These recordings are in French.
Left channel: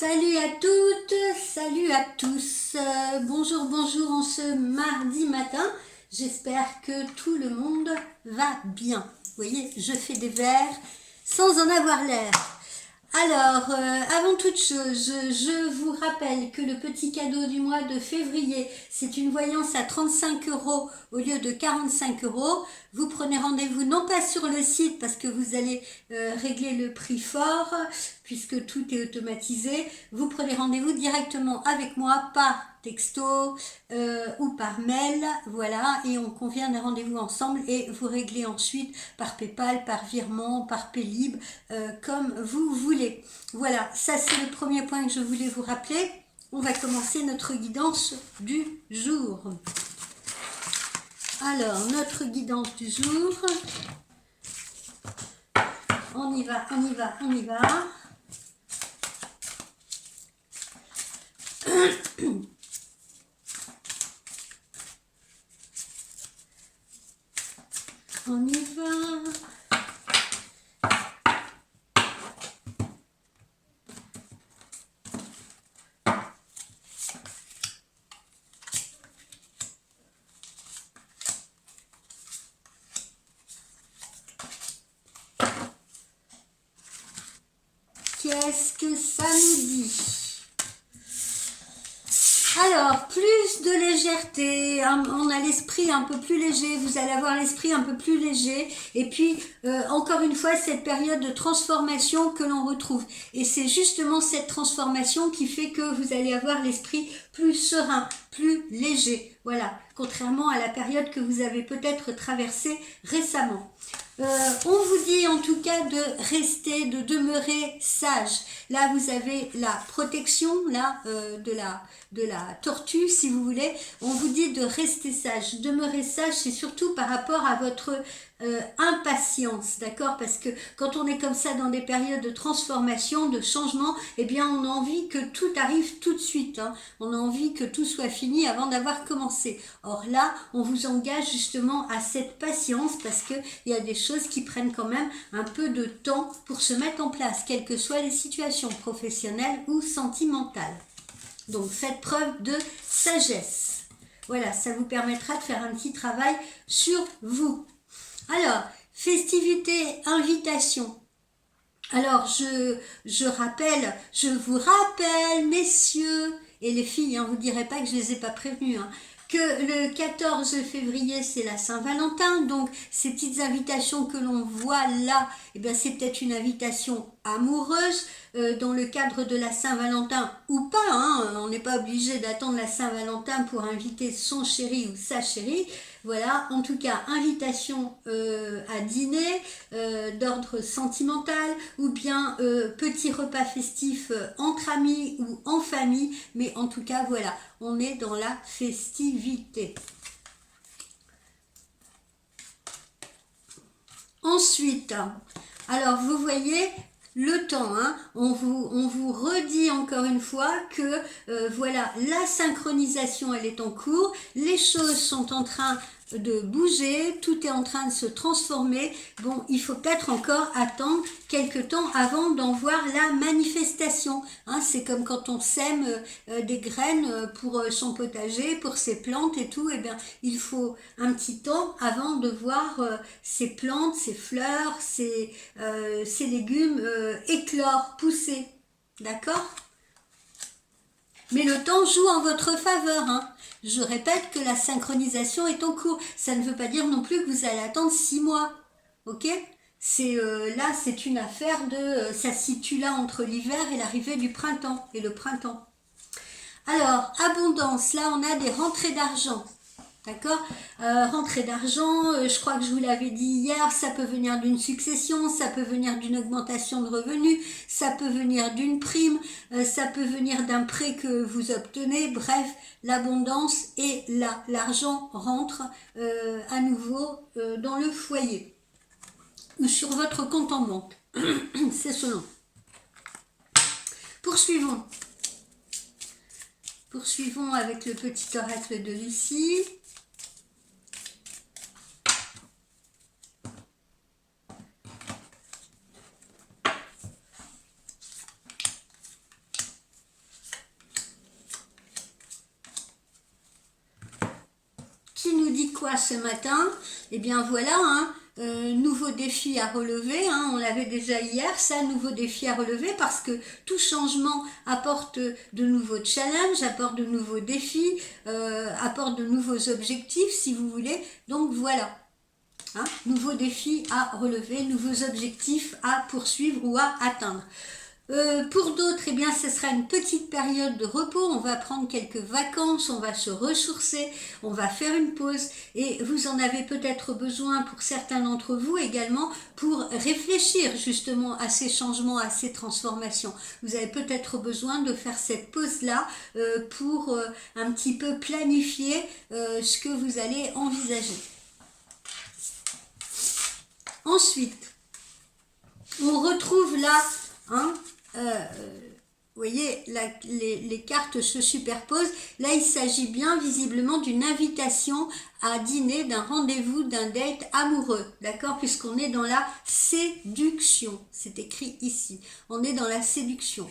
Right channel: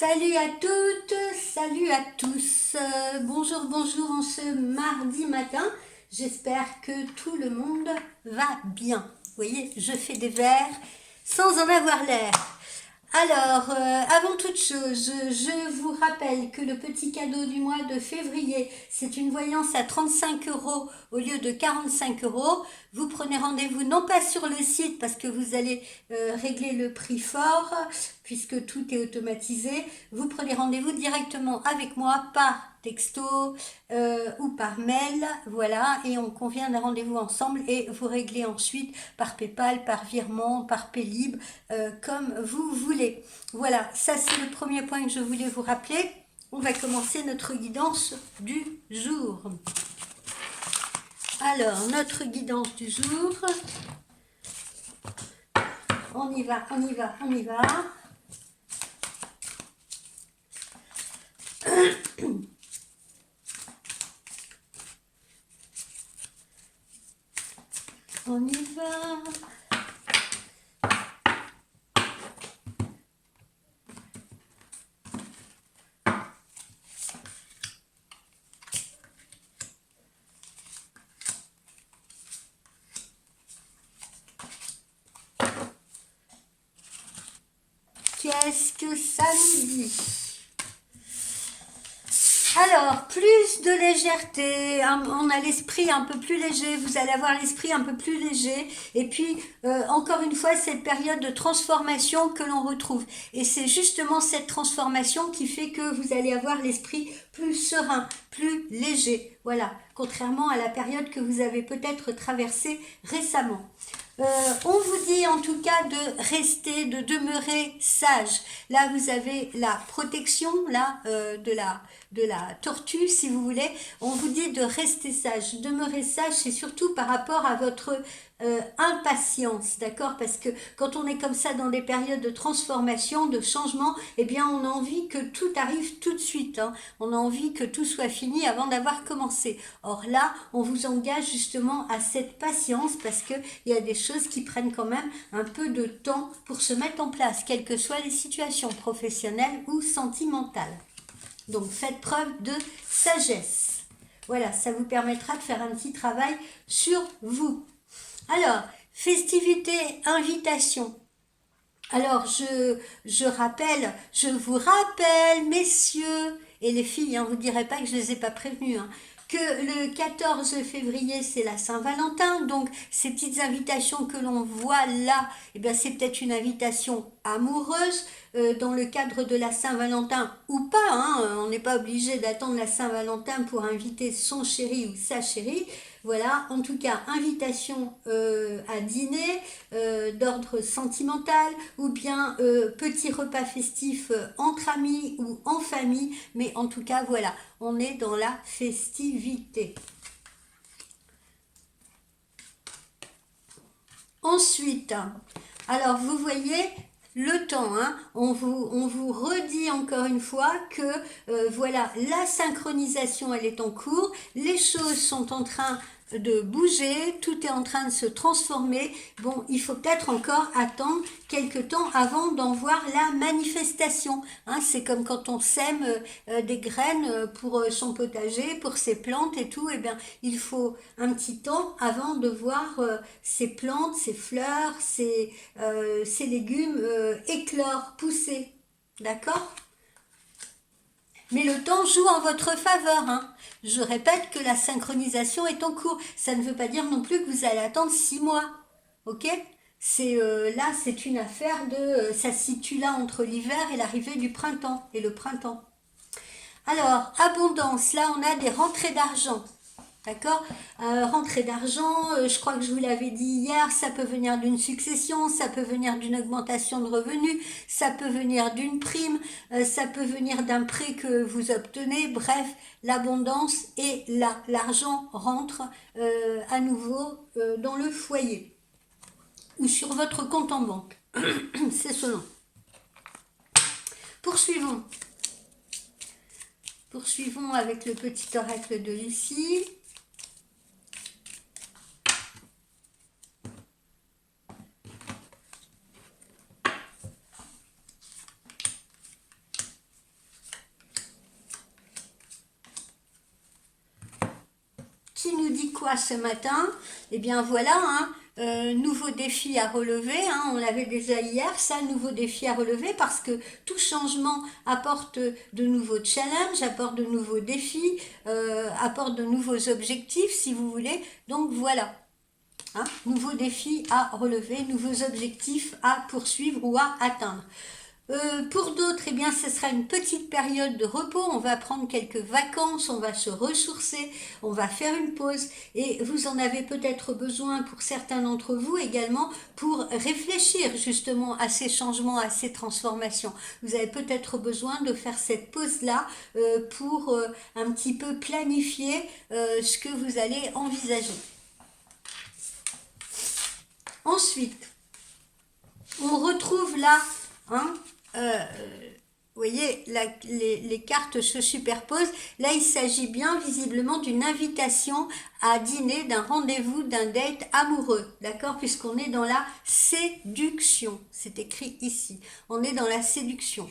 Salut à toutes, salut à tous. Bonjour, bonjour en ce mardi matin. J'espère que tout le monde va bien. Vous voyez, je fais des vers sans en avoir l'air. Alors, avant toute chose, je vous rappelle que le petit cadeau du mois de février, c'est une voyance à 35 € au lieu de 45 €. Vous prenez rendez-vous non pas sur le site parce que vous allez régler le prix fort, puisque tout est automatisé. Vous prenez rendez-vous directement avec moi par texto ou par mail, voilà, et on convient d'un rendez-vous ensemble et vous réglez ensuite par PayPal, par virement, par Paylib, comme vous voulez. Voilà, ça c'est le premier point que je voulais vous rappeler. On va commencer notre guidance du jour. Alors, notre guidance du jour, on y va, on y va, on y va. On y va. Qu'est-ce que ça nous dit? Alors, plus de légèreté, on a l'esprit un peu plus léger, vous allez avoir l'esprit un peu plus léger, et puis encore une fois cette période de transformation que l'on retrouve, et c'est justement cette transformation qui fait que vous allez avoir l'esprit plus serein, plus léger, voilà, contrairement à la période que vous avez peut-être traversée récemment. On vous dit en tout cas de rester, de demeurer sage. Là, vous avez la protection là, de la tortue, si vous voulez. On vous dit de rester sage. Demeurer sage, c'est surtout par rapport à votre impatience, d'accord? Parce que quand on est comme ça dans des périodes de transformation, de changement, eh bien, on a envie que tout arrive tout de suite. Hein. On a envie que tout soit fini avant d'avoir commencé. Or là, on vous engage justement à cette patience parce qu'il y a des choses qui prennent quand même un peu de temps pour se mettre en place, quelles que soient les situations professionnelles ou sentimentales. Donc, faites preuve de sagesse. Voilà, ça vous permettra de faire un petit travail sur vous. Alors, festivité, invitation. Alors, je vous rappelle, messieurs et les filles, hein, vous ne direz pas que je ne les ai pas prévenus, hein, que le 14 février, c'est la Saint-Valentin, donc ces petites invitations que l'on voit là, eh bien, c'est peut-être une invitation amoureuse dans le cadre de la Saint-Valentin ou pas, hein, on n'est pas obligé d'attendre la Saint-Valentin pour inviter son chéri ou sa chérie. Voilà, en tout cas, invitation à dîner d'ordre sentimental ou bien petit repas festif entre amis ou en famille, mais en tout cas, voilà, on est dans la festivité. Ensuite, alors vous voyez, le temps, hein, on vous redit encore une fois que voilà, la synchronisation elle est en cours, les choses sont en train de bouger, tout est en train de se transformer. Bon, il faut peut-être encore attendre quelques temps avant d'en voir la manifestation. Hein, c'est comme quand on sème des graines pour son potager, pour ses plantes et tout. Eh bien, il faut un petit temps avant de voir ces plantes, ces fleurs, ces légumes éclore, pousser. D'accord? Mais le temps joue en votre faveur. Hein. Je répète que la synchronisation est en cours. Ça ne veut pas dire non plus que vous allez attendre 6 mois. Ok? C'est là, c'est une affaire de... ça se situe là entre l'hiver et l'arrivée du printemps. Et le printemps. Alors, abondance. Là, on a des rentrées d'argent. D'accord, rentrée d'argent, je crois que je vous l'avais dit hier, ça peut venir d'une succession, ça peut venir d'une augmentation de revenus, ça peut venir d'une prime, ça peut venir d'un prêt que vous obtenez, bref, l'abondance est là, l'argent rentre à nouveau dans le foyer ou sur votre compte en banque, c'est selon. Poursuivons avec le petit oracle de Lucie. quoi ce matin? Eh bien voilà, hein, nouveau défi à relever, hein, on l'avait déjà hier, ça, nouveau défi à relever, parce que tout changement apporte de nouveaux challenges, apporte de nouveaux défis, apporte de nouveaux objectifs, si vous voulez. Donc voilà, hein, nouveaux défis à relever, nouveaux objectifs à poursuivre ou à atteindre. Pour d'autres, eh bien, ce sera une petite période de repos. On va prendre quelques vacances, on va se ressourcer, on va faire une pause. Et vous en avez peut-être besoin pour certains d'entre vous également pour réfléchir justement à ces changements, à ces transformations. Vous avez peut-être besoin de faire cette pause-là pour un petit peu planifier ce que vous allez envisager. Ensuite, on retrouve là, hein, vous voyez, les cartes se superposent. Là, il s'agit bien visiblement d'une invitation à dîner, d'un rendez-vous, d'un date amoureux, d'accord? Puisqu'on est dans la séduction. C'est écrit ici. On est dans la séduction.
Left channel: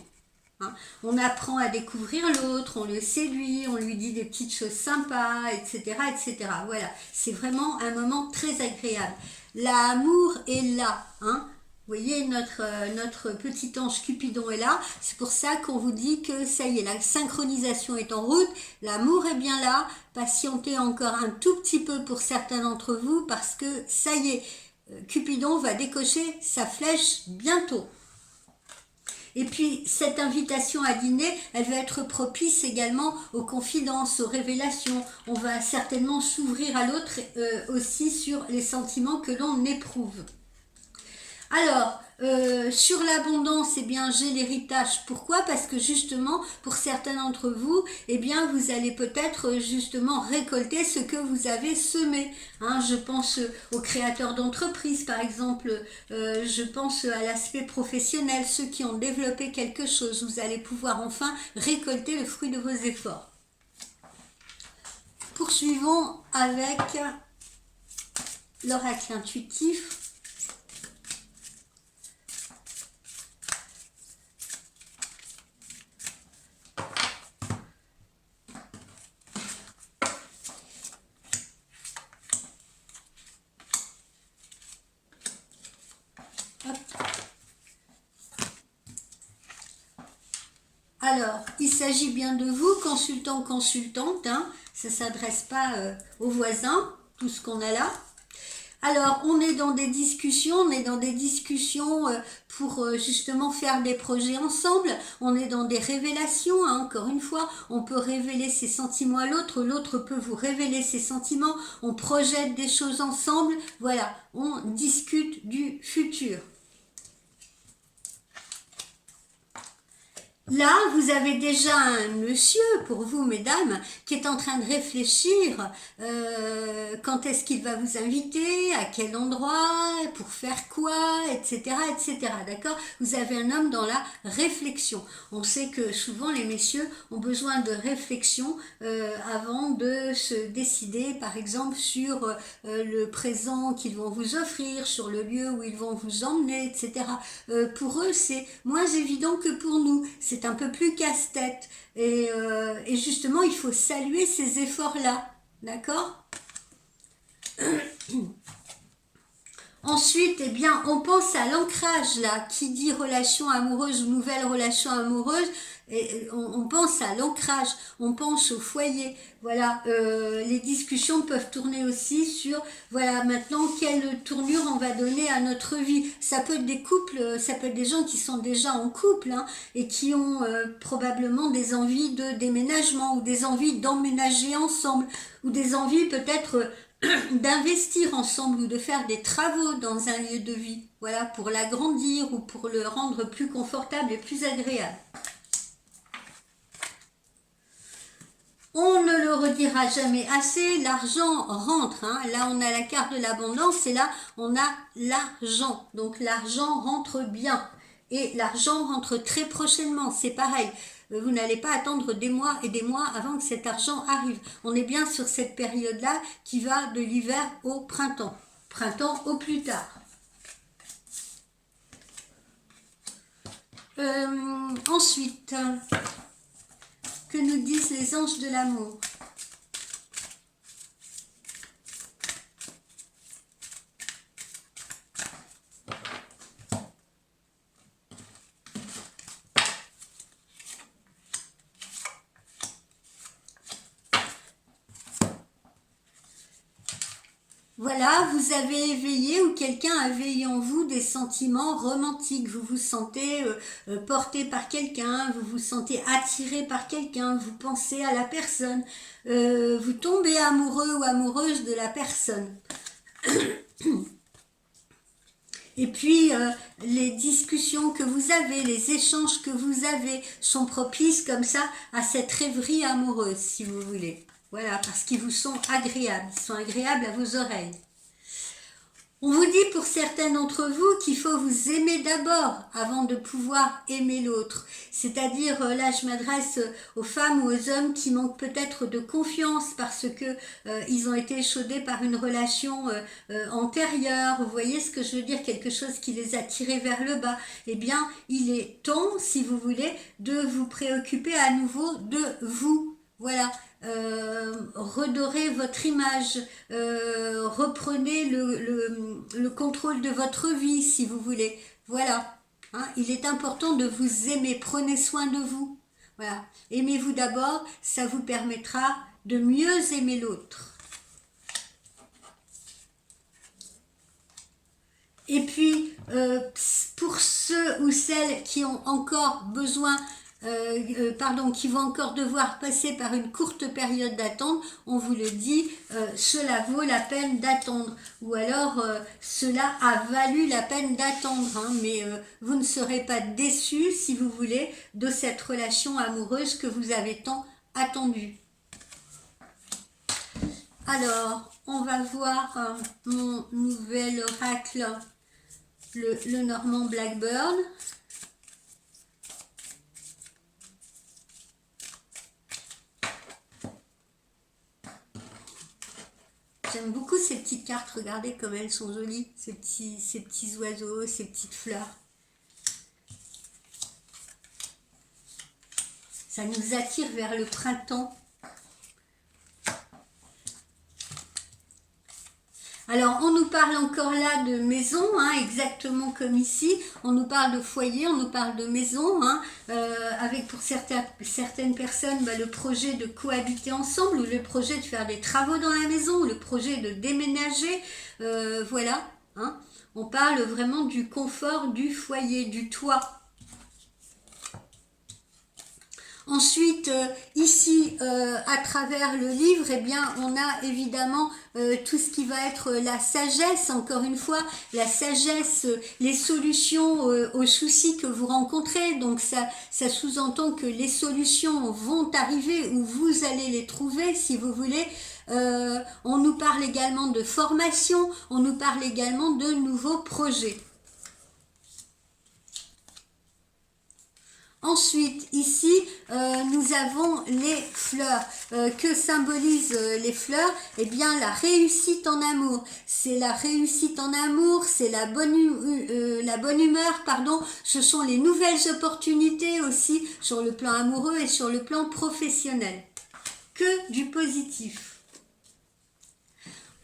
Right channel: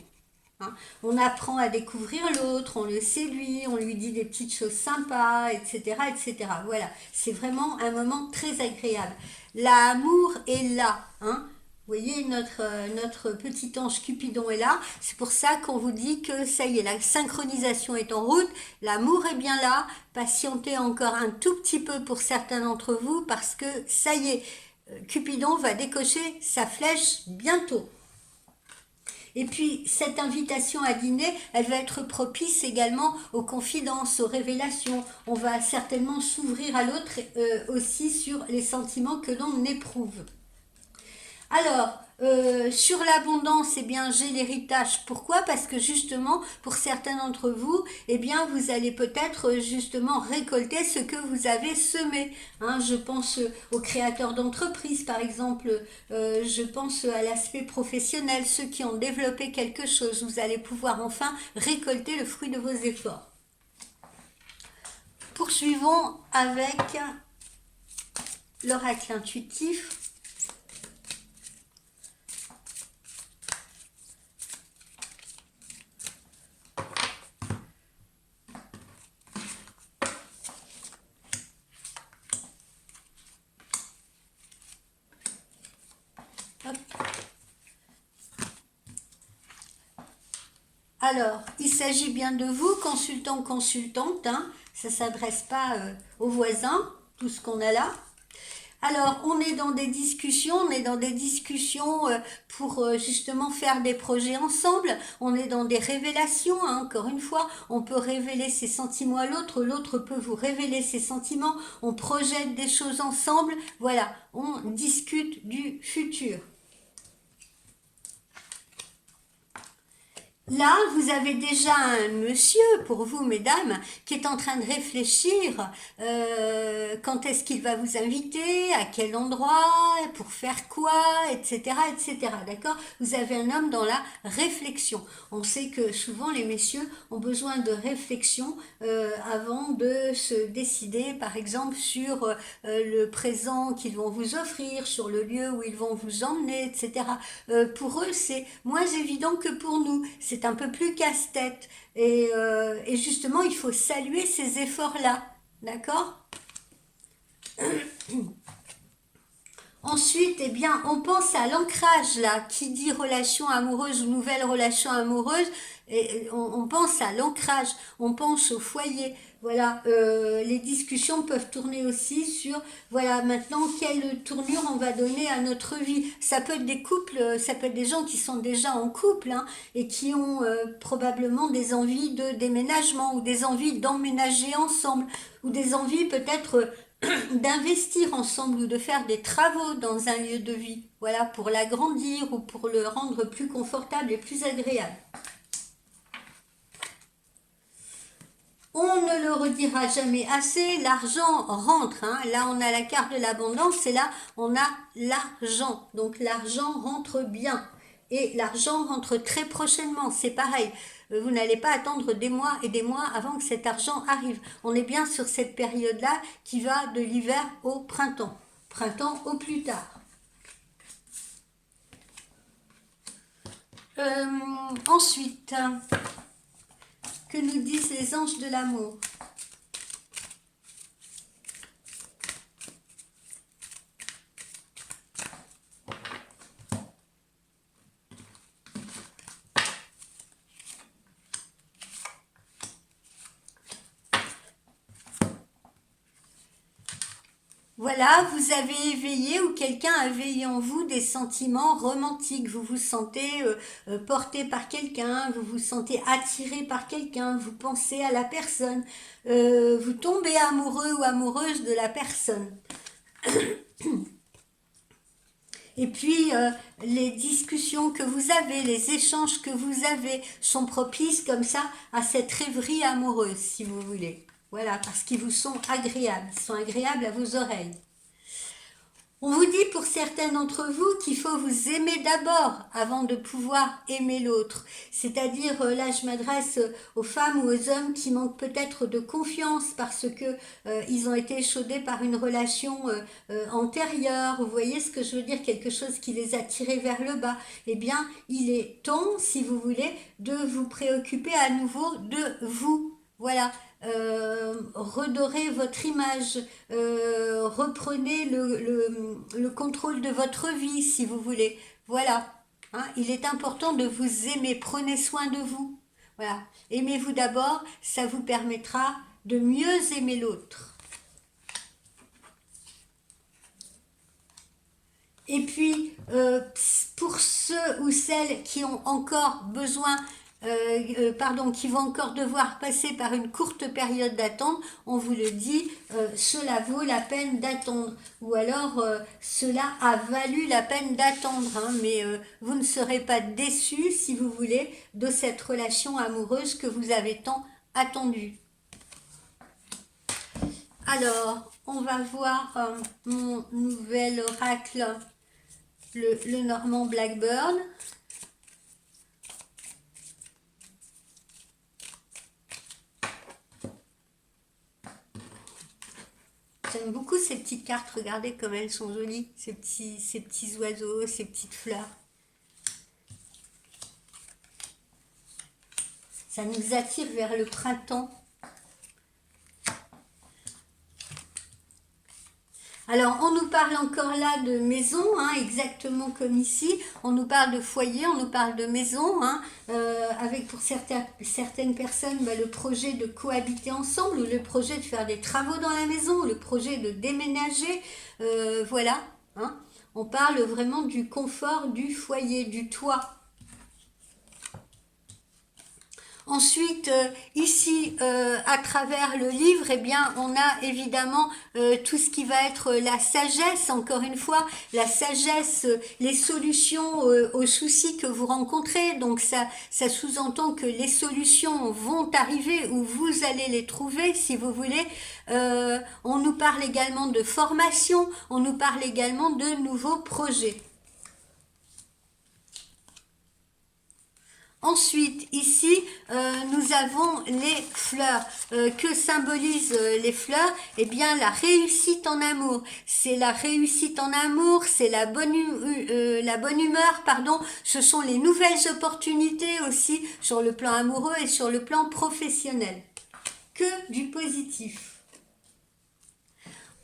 Hein. On apprend à découvrir l'autre, on le séduit, on lui dit des petites choses sympas, etc., etc. Voilà, c'est vraiment un moment très agréable. L'amour est là, hein? Vous voyez, notre petit ange Cupidon est là. C'est pour ça qu'on vous dit que ça y est, la synchronisation est en route. L'amour est bien là. Patientez encore un tout petit peu pour certains d'entre vous parce que ça y est, Cupidon va décocher sa flèche bientôt. Et puis, cette invitation à dîner, elle va être propice également aux confidences, aux révélations. On va certainement s'ouvrir à l'autre aussi sur les sentiments que l'on éprouve. Alors, sur l'abondance, eh bien, j'ai l'héritage. Pourquoi? Parce que justement, pour certains d'entre vous, eh bien, vous allez peut-être justement récolter ce que vous avez semé. Hein, je pense aux créateurs d'entreprises, par exemple. Je pense à l'aspect professionnel, ceux qui ont développé quelque chose. Vous allez pouvoir enfin récolter le fruit de vos efforts. Poursuivons avec l'oracle intuitif. Alors, il s'agit bien de vous, consultant, consultante, hein, ça ne s'adresse pas aux voisins, tout ce qu'on a là. Alors, on est dans des discussions, pour justement faire des projets ensemble, on est dans des révélations, hein, encore une fois, on peut révéler ses sentiments à l'autre, l'autre peut vous révéler ses sentiments, on projette des choses ensemble, voilà, on discute du futur. Là, vous avez déjà un monsieur, pour vous, mesdames, qui est en train de réfléchir quand est-ce qu'il va vous inviter, à quel endroit, pour faire quoi, etc., etc. D'accord? Vous avez un homme dans la réflexion. On sait que souvent, les messieurs ont besoin de réflexion avant de se décider, par exemple, sur le présent qu'ils vont vous offrir, sur le lieu où ils vont vous emmener, etc. Pour eux, c'est moins évident que pour nous. C'est un peu plus casse-tête. Et justement, il faut saluer ces efforts-là. D'accord? Ensuite, eh bien, on pense à l'ancrage, là. Qui dit relation amoureuse ou nouvelle relation amoureuse, et on pense à l'ancrage, on pense au foyer. Voilà, les discussions peuvent tourner aussi sur, voilà, maintenant, quelle tournure on va donner à notre vie. Ça peut être des couples, ça peut être des gens qui sont déjà en couple, hein, et qui ont probablement des envies de déménagement ou des envies d'emménager ensemble ou des envies peut-être d'investir ensemble ou de faire des travaux dans un lieu de vie, voilà, pour l'agrandir ou pour le rendre plus confortable et plus agréable. On ne le redira jamais assez, l'argent rentre, hein. Là on a la carte de l'abondance et là on a l'argent, donc l'argent rentre bien et l'argent rentre très prochainement, c'est pareil. Vous n'allez pas attendre des mois et des mois avant que cet argent arrive. On est bien sur cette période-là qui va de l'hiver au printemps. Printemps au plus tard. Ensuite, que nous disent les anges de l'amour? voilà, vous avez éveillé ou quelqu'un a éveillé en vous des sentiments romantiques. Vous vous sentez porté par quelqu'un, vous vous sentez attiré par quelqu'un, vous pensez à la personne, vous tombez amoureux ou amoureuse de la personne. Et puis, les discussions que vous avez, les échanges que vous avez sont propices comme ça à cette rêverie amoureuse, si vous voulez. Voilà, parce qu'ils vous sont agréables, ils sont agréables à vos oreilles. On vous dit pour certains d'entre vous qu'il faut vous aimer d'abord avant de pouvoir aimer l'autre. C'est-à-dire, là je m'adresse aux femmes ou aux hommes qui manquent peut-être de confiance parce que ils ont été échaudés par une relation antérieure. Vous voyez ce que je veux dire, quelque chose qui les a tirés vers le bas. Eh bien, il est temps, si vous voulez, de vous préoccuper à nouveau de vous. Voilà. Redorez votre image, reprenez le contrôle de votre vie si vous voulez. Voilà, hein, il est important de vous aimer, prenez soin de vous. Voilà, aimez-vous d'abord, ça vous permettra de mieux aimer l'autre. Et puis, pour ceux ou celles qui ont encore besoin qui vont encore devoir passer par une courte période d'attente, on vous le dit, cela vaut la peine d'attendre. Ou alors, cela a valu la peine d'attendre. Hein, mais vous ne serez pas déçus, si vous voulez, de cette relation amoureuse que vous avez tant attendue. Alors, on va voir mon nouvel oracle, le Normand Blackburn. J'aime beaucoup ces petites cartes, regardez comme elles sont jolies, ces petits oiseaux, ces petites fleurs. Ça nous attire vers le printemps. Alors, on nous parle encore là de maison, hein, exactement comme ici. On nous parle de foyer, on nous parle de maison, hein, avec pour certaines personnes le projet de cohabiter ensemble, ou le projet de faire des travaux dans la maison, ou le projet de déménager. Voilà, hein. On parle vraiment du confort du foyer, du toit. Ensuite, ici, à travers le livre, eh bien, on a évidemment tout ce qui va être la sagesse, encore une fois, la sagesse, les solutions aux soucis que vous rencontrez. Donc, ça sous-entend que les solutions vont arriver ou vous allez les trouver, si vous voulez. On nous parle également de formation, on nous parle également de nouveaux projets. Ensuite, ici, nous avons les fleurs. Que symbolisent les fleurs? Eh bien, la réussite en amour. C'est la réussite en amour, c'est la bonne humeur, pardon. Ce sont les nouvelles opportunités aussi sur le plan amoureux et sur le plan professionnel. Que du positif.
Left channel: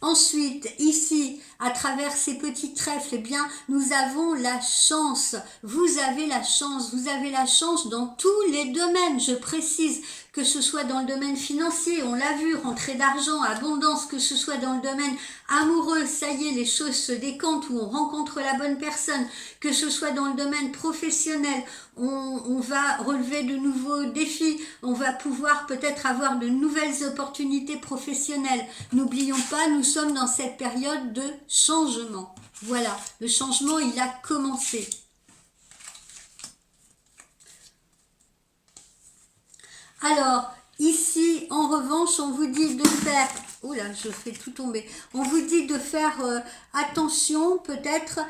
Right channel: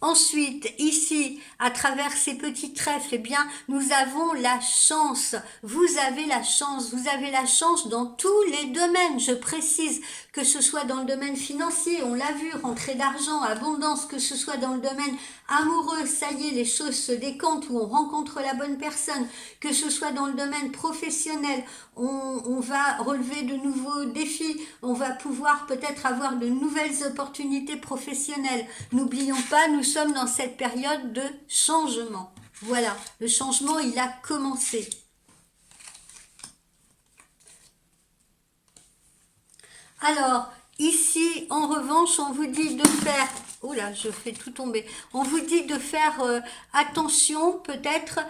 Ensuite, ici, à travers ces petits trèfles, eh bien, nous avons la chance. Vous avez la chance dans tous les domaines, je précise, que ce soit dans le domaine financier, on l'a vu, rentrée d'argent, abondance, que ce soit dans le domaine amoureux, ça y est, les choses se décantent où on rencontre la bonne personne, que ce soit dans le domaine professionnel, on va relever de nouveaux défis, on va pouvoir peut-être avoir de nouvelles opportunités professionnelles. N'oublions pas, nous sommes dans cette période de changement. Voilà, le changement, il a commencé. Alors, ici, en revanche, on vous dit de faire... Oh là, je fais tout tomber. On vous dit de faire attention, peut-être.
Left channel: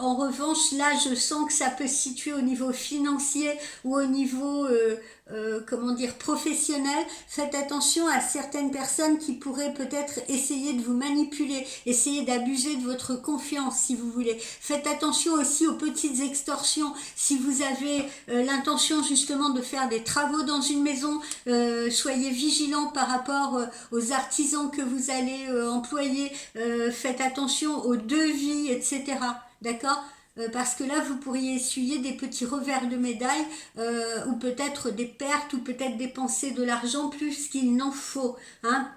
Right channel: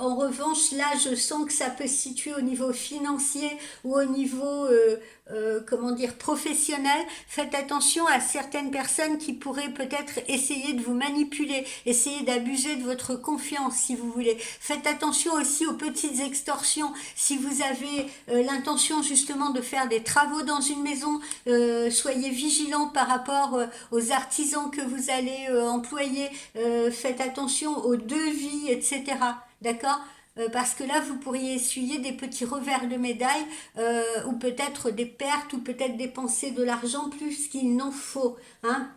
En revanche, là, je sens que ça peut se situer au niveau financier ou au niveau... comment dire, professionnel. Faites attention à certaines personnes qui pourraient peut-être essayer de vous manipuler, essayer d'abuser de votre confiance si vous voulez. Faites attention aussi aux petites extorsions. Si vous avez l'intention justement de faire des travaux dans une maison, soyez vigilants par rapport aux artisans que vous allez employer. Faites attention aux devis, etc. D'accord ? parce que là, vous pourriez essuyer des petits revers de médaille, ou peut-être des pertes, ou peut-être dépenser de l'argent plus qu'il n'en faut. Hein.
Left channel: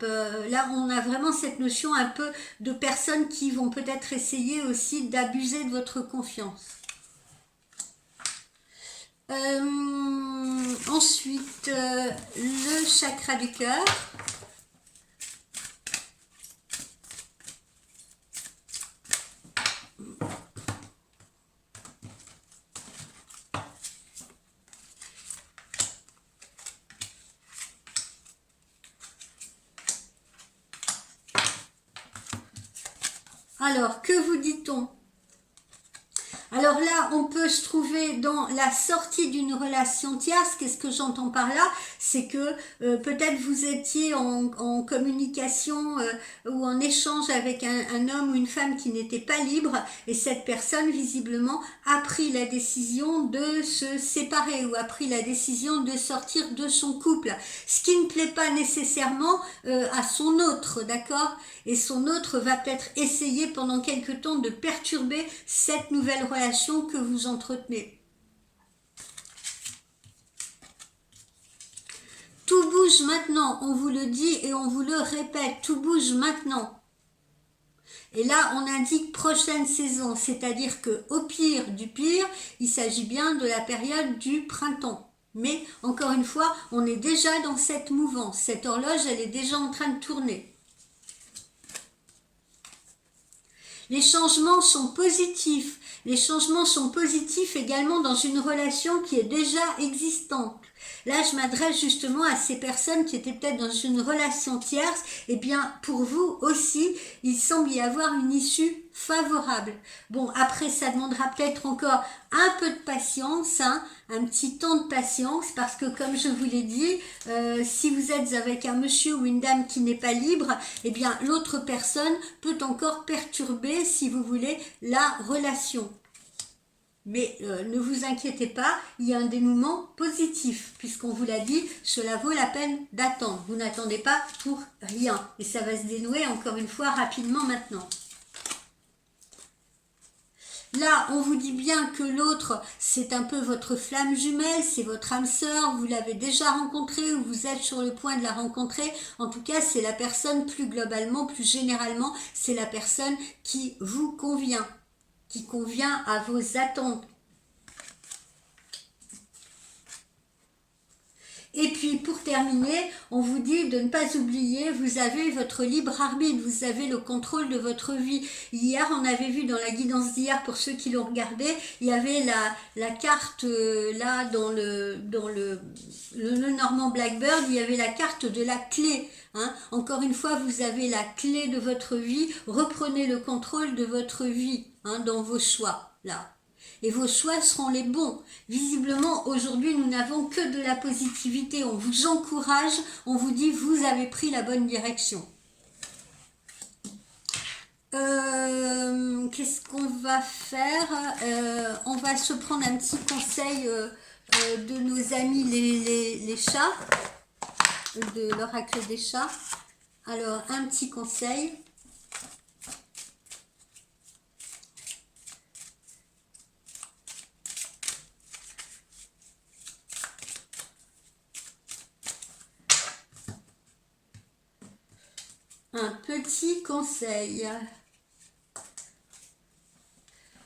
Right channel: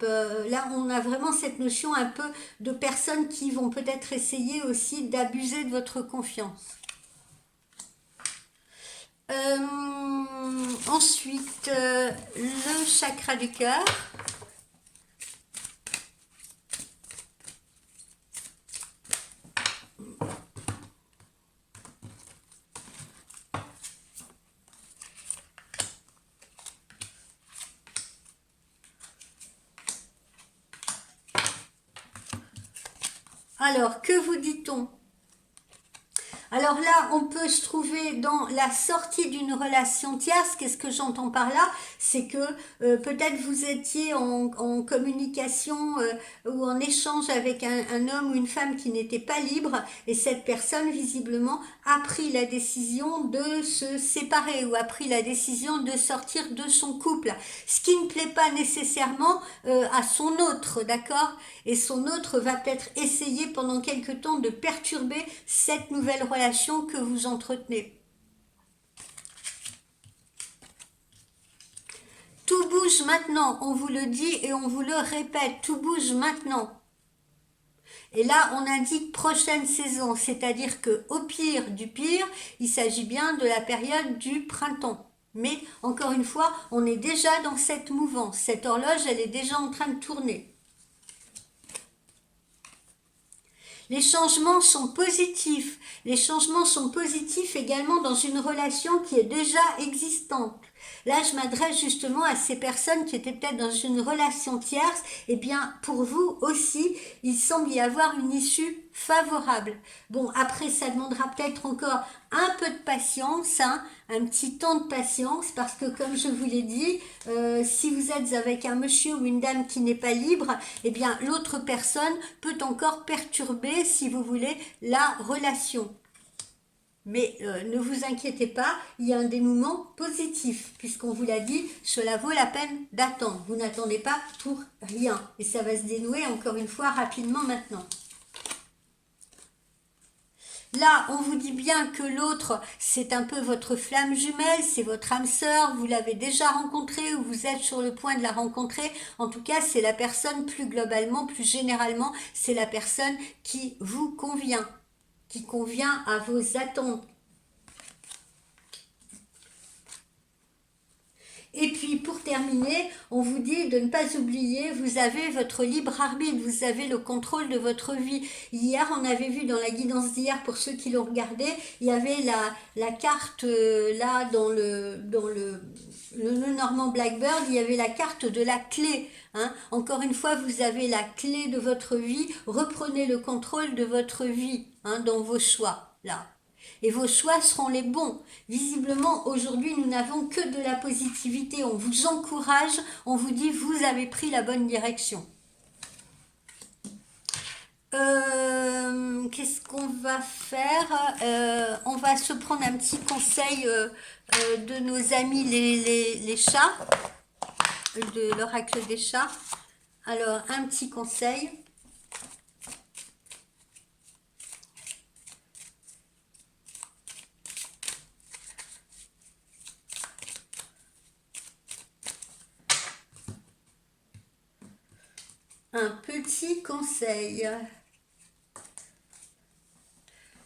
Là, on a vraiment cette notion un peu de personnes qui vont peut-être essayer aussi d'abuser de votre confiance. Ensuite, le chakra du cœur. Alors, que vous dit-on? Alors là, on peut se trouver dans la sortie d'une relation tierce. Qu'est-ce que j'entends par là? C'est que peut-être vous étiez en communication ou en échange avec un homme ou une femme qui n'était pas libre, et cette personne, visiblement, a pris la décision de se séparer ou a pris la décision de sortir de son couple. Ce qui ne plaît pas nécessairement à son autre, d'accord? Et son autre va peut-être essayer pendant quelque temps de perturber cette nouvelle relation que vous entretenez. Tout bouge maintenant, on vous le dit et on vous le répète, tout bouge maintenant. Et là, on indique prochaine saison, c'est-à-dire que au pire du pire, il s'agit bien de la période du printemps. Mais encore une fois, on est déjà dans cette mouvance, cette horloge, elle est déjà en train de tourner. Les changements sont positifs. Les changements sont positifs également dans une relation qui est déjà existante. Là, je m'adresse justement à ces personnes qui étaient peut-être dans une relation tierce. Eh bien, pour vous aussi, il semble y avoir une issue favorable. Bon, après, ça demandera peut-être encore un peu de patience, hein, un petit temps de patience, parce que comme je vous l'ai dit, si vous êtes avec un monsieur ou une dame qui n'est pas libre, eh bien, l'autre personne peut encore perturber, si vous voulez, la relation. Mais ne vous inquiétez pas, il y a un dénouement positif, puisqu'on vous l'a dit, cela vaut la peine d'attendre. Vous n'attendez pas pour rien, et ça va se dénouer encore une fois rapidement maintenant. Là, on vous dit bien que l'autre, c'est un peu votre flamme jumelle, c'est votre âme sœur, vous l'avez déjà rencontré ou vous êtes sur le point de la rencontrer. En tout cas, c'est la personne plus globalement, plus généralement, c'est la personne qui vous convient, qui convient à vos attentes. Et puis pour terminer, on vous dit de ne pas oublier, vous avez votre libre arbitre, vous avez le contrôle de votre vie. Hier, on avait vu dans la guidance d'hier, pour ceux qui l'ont regardé, il y avait la carte là dans le Normand Blackbird, il y avait la carte de la clé. Hein. Encore une fois, vous avez la clé de votre vie, reprenez le contrôle de votre vie, hein, dans vos choix là. Et vos choix seront les bons. Visiblement, aujourd'hui, nous n'avons que de la positivité. On vous encourage, on vous dit, vous avez pris la bonne direction. Qu'est-ce qu'on va faire? On va se prendre un petit conseil de nos amis les chats, de l'oracle des chats. Alors, un petit conseil. Un petit conseil.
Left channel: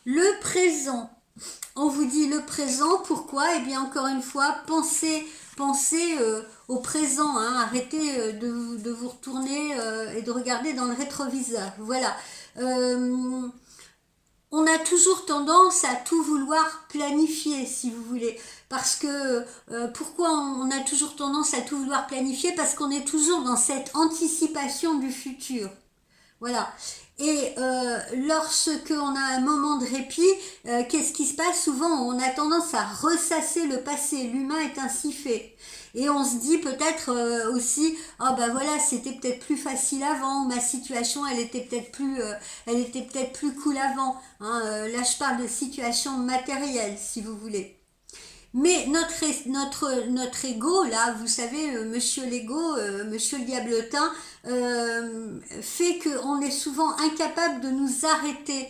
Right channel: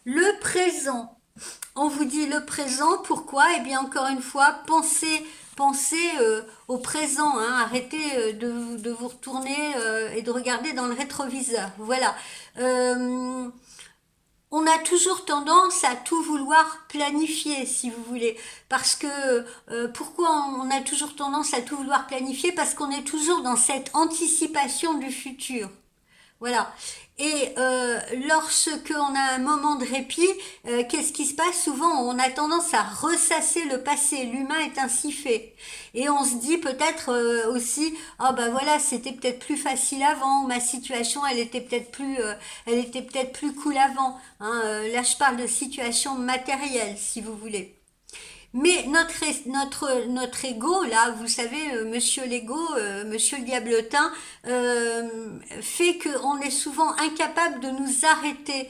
Le présent. On vous dit le présent, pourquoi? Eh bien, encore une fois, pensez au présent. Hein. Arrêtez de vous retourner et de regarder dans le rétroviseur. Voilà. On a toujours tendance à tout vouloir planifier, si vous voulez. Parce que, pourquoi on a toujours tendance à tout vouloir planifier? Parce qu'on est toujours dans cette anticipation du futur. Voilà. Et lorsque on a un moment de répit, qu'est-ce qui se passe? Souvent, on a tendance à ressasser le passé. L'humain est ainsi fait. Et on se dit peut-être aussi, oh ben voilà, c'était peut-être plus facile avant, ma situation, elle était peut-être plus cool avant. Hein. Là, je parle de situation matérielle, si vous voulez. Mais notre ego, là, vous savez, monsieur l'ego, monsieur le diablotin, fait qu'on est souvent incapable de nous arrêter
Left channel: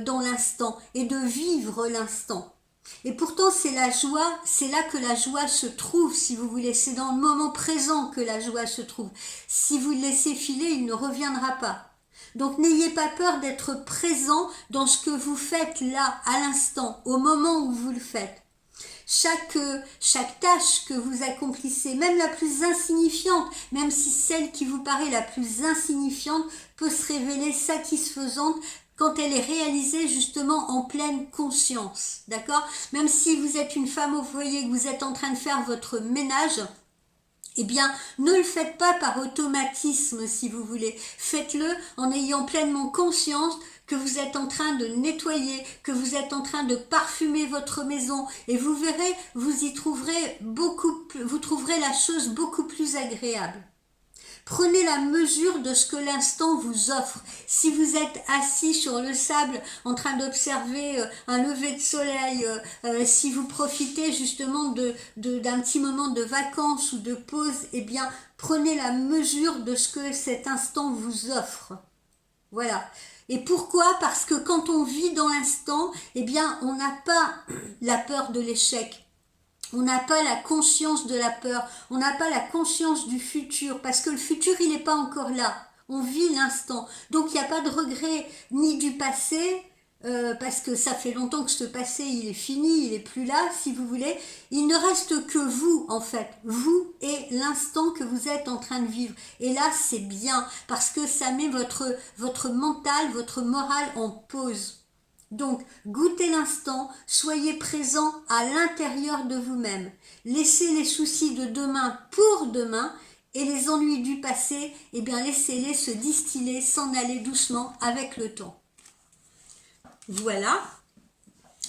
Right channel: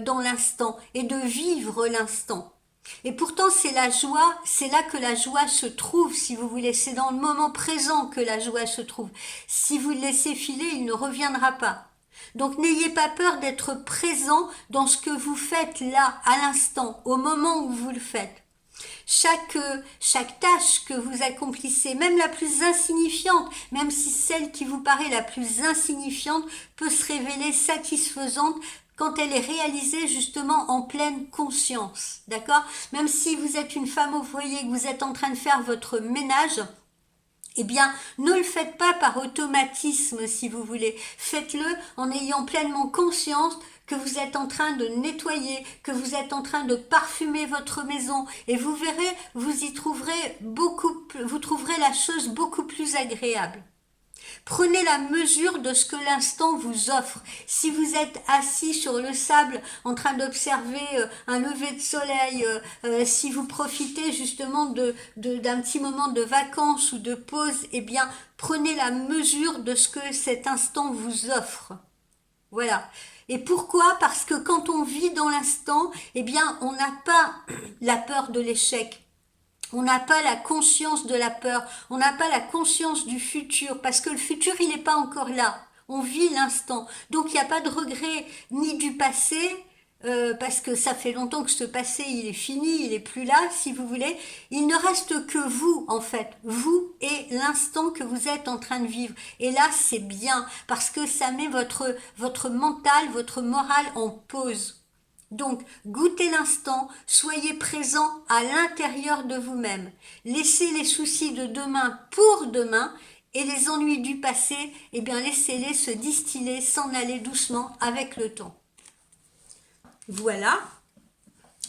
dans l'instant et de vivre l'instant. Et pourtant, c'est la joie, c'est là que la joie se trouve, si vous voulez. C'est dans le moment présent que la joie se trouve. Si vous le laissez filer, il ne reviendra pas. Donc, n'ayez pas peur d'être présent dans ce que vous faites là, à l'instant, au moment où vous le faites. Chaque tâche que vous accomplissez, même la plus insignifiante, même si celle qui vous paraît la plus insignifiante peut se révéler satisfaisante quand elle est réalisée justement en pleine conscience, d'accord? Même si vous êtes une femme au foyer, que vous êtes en train de faire votre ménage, eh bien, ne le faites pas par automatisme, si vous voulez. Faites-le en ayant pleinement conscience que vous êtes en train de nettoyer, que vous êtes en train de parfumer votre maison. Et vous verrez, vous y trouverez vous trouverez la chose beaucoup plus agréable. Prenez la mesure de ce que l'instant vous offre. Si vous êtes assis sur le sable en train d'observer un lever de soleil, si vous profitez justement d'un petit moment de vacances ou de pause, eh bien, prenez la mesure de ce que cet instant vous offre. Voilà. Et pourquoi? Parce que quand on vit dans l'instant, eh bien, on n'a pas la peur de l'échec. On n'a pas la conscience de la peur, on n'a pas la conscience du futur, parce que le futur, il n'est pas encore là. On vit l'instant. Donc, il n'y a pas de regret ni du passé, parce que ça fait longtemps que ce passé, il est fini, il n'est plus là, si vous voulez. Il ne reste que vous, en fait. Vous et l'instant que vous êtes en train de vivre. Et là, c'est bien, parce que ça met votre mental, votre morale en pause. Donc, goûtez l'instant, soyez présent à l'intérieur de vous-même. Laissez les soucis de demain pour demain et les ennuis du passé, eh bien laissez-les se distiller, s'en aller doucement avec le temps. Voilà.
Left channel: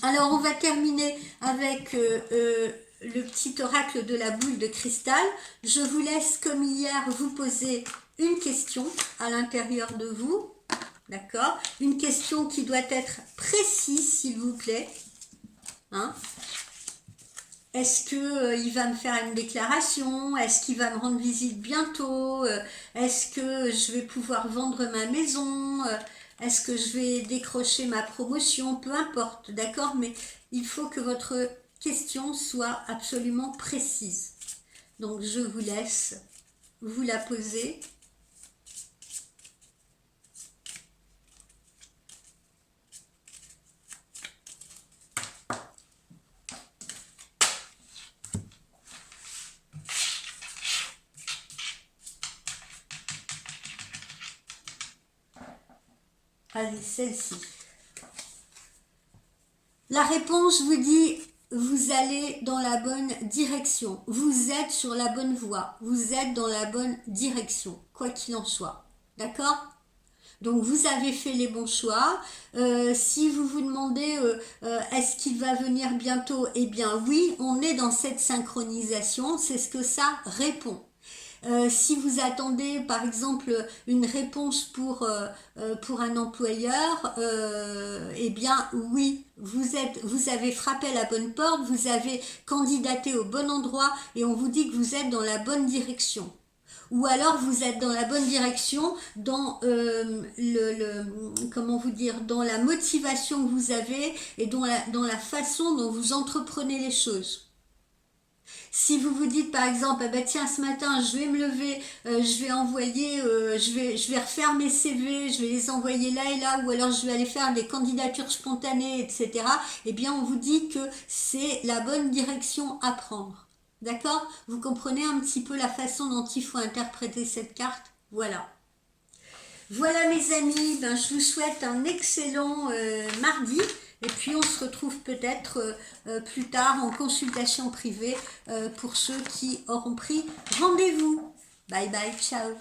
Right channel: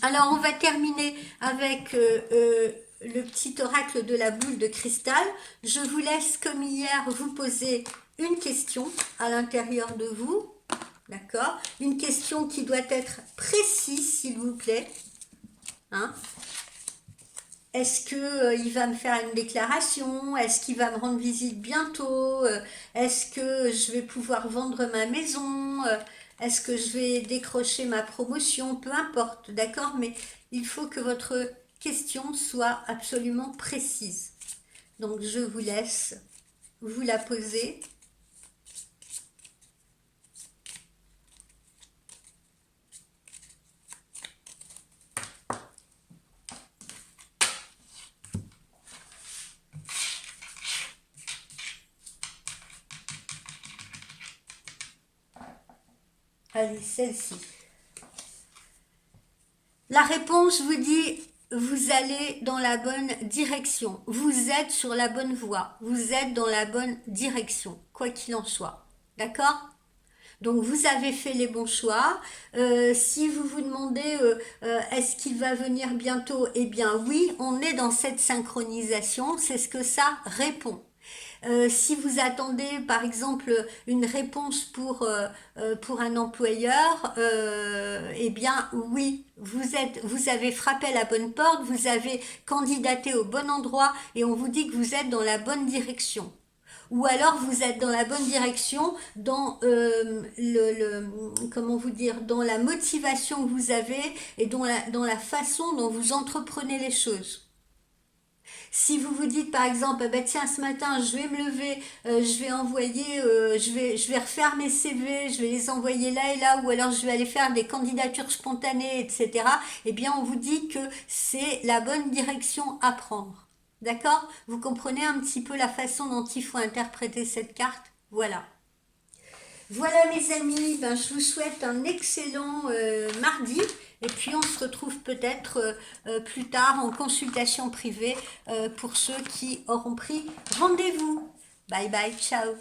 Alors, on va terminer avec le petit oracle de la boule de cristal. Je vous laisse, comme hier, vous poser une question à l'intérieur de vous. D'accord? Une question qui doit être précise, s'il vous plaît. Hein? Est-ce qu'il va me faire une déclaration? Est-ce qu'il va me rendre visite bientôt? Est-ce que je vais pouvoir vendre ma maison? Est-ce que je vais décrocher ma promotion? Peu importe, d'accord? Mais il faut que votre question soit absolument précise. Donc, je vous laisse vous la poser. Allez, celle-ci. La réponse vous dit, vous allez dans la bonne direction. Vous êtes sur la bonne voie. Vous êtes dans la bonne direction, quoi qu'il en soit. D'accord? Donc, vous avez fait les bons choix. Si vous vous demandez, est-ce qu'il va venir bientôt? Eh bien, oui, on est dans cette synchronisation. C'est ce que ça répond. Si vous attendez par exemple une réponse pour un employeur, eh bien oui, vous avez frappé à la bonne porte, vous avez candidaté au bon endroit et on vous dit que vous êtes dans la bonne direction. Ou alors vous êtes dans la bonne direction dans comment vous dire, dans la motivation que vous avez et dans la façon dont vous entreprenez les choses. Si vous vous dites par exemple, bah tiens, ce matin je vais me lever, je vais envoyer, je vais refaire mes CV, je vais les envoyer là et là, ou alors je vais aller faire des candidatures spontanées, etc. Eh bien, on vous dit que c'est la bonne direction à prendre. D'accord? Vous comprenez un petit peu la façon dont il faut interpréter cette carte? Voilà. Voilà mes amis, ben, je vous souhaite un excellent mardi. Et puis on se retrouve peut-être plus tard en consultation privée pour ceux qui auront pris rendez-vous. Bye bye, ciao.